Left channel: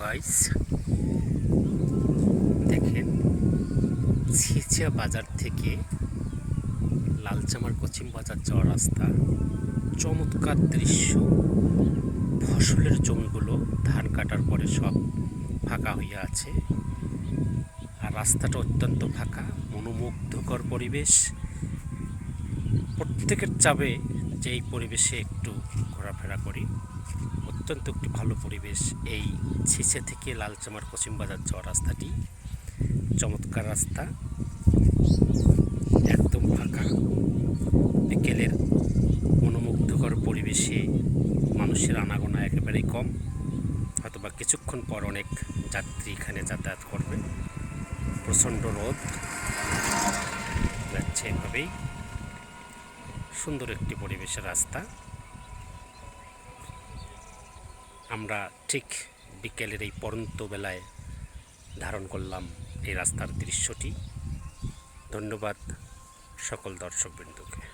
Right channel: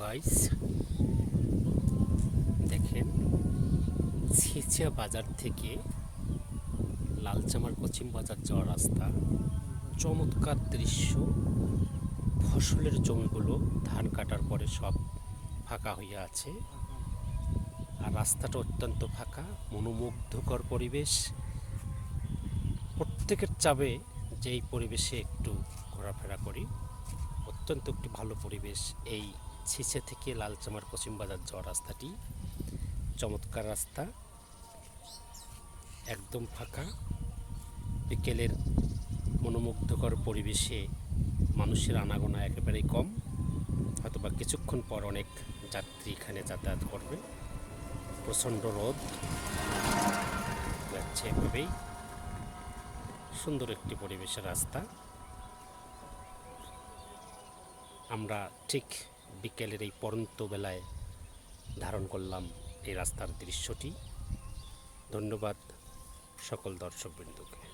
Guys, দেখেন ছিচিয়া বাজার থেকে লালচামার পশ্চিম বাজার যাওয়ার রাস্তা। চমৎকার দৃশ্য। ফসলের জমিগুলো ধান কাটার পরে সব ফাঁকা হয়ে আছে, আর রাস্তাটা অত্যন্ত ফাঁকা। মনোমুগ্ধকর পরিবেশ। প্রত্যেকের চাবে যে এই পরিবেশে একটু ঘোরাফেরা করি। অত্যন্ত একটি ভালো পরিবেশ। এই ছিচে থেকে লালচামার পশ্চিম বাজার যাওয়ার রাস্তাটি চমৎকার রাস্তা, একদম ফাঁকা। বিকেলের মনোমুগ্ধকর পরিবেশে মানুষের আনাগোনা একেবারেই কম। হয়তোবা কিছুক্ষণ পর অনেক যাত্রী এখানে যাতায়াত করবে। প্রচণ্ড রোদ যাচ্ছে, এভাবেই সুন্দর একটি পরিবেশের রাস্তা। আমরা ঠিক বিকেলের এই পড়ন্ত বেলায় ধারণ করলাম এই রাস্তার দৃশ্যটি। ধন্যবাদ সকল দর্শকবৃন্দকে।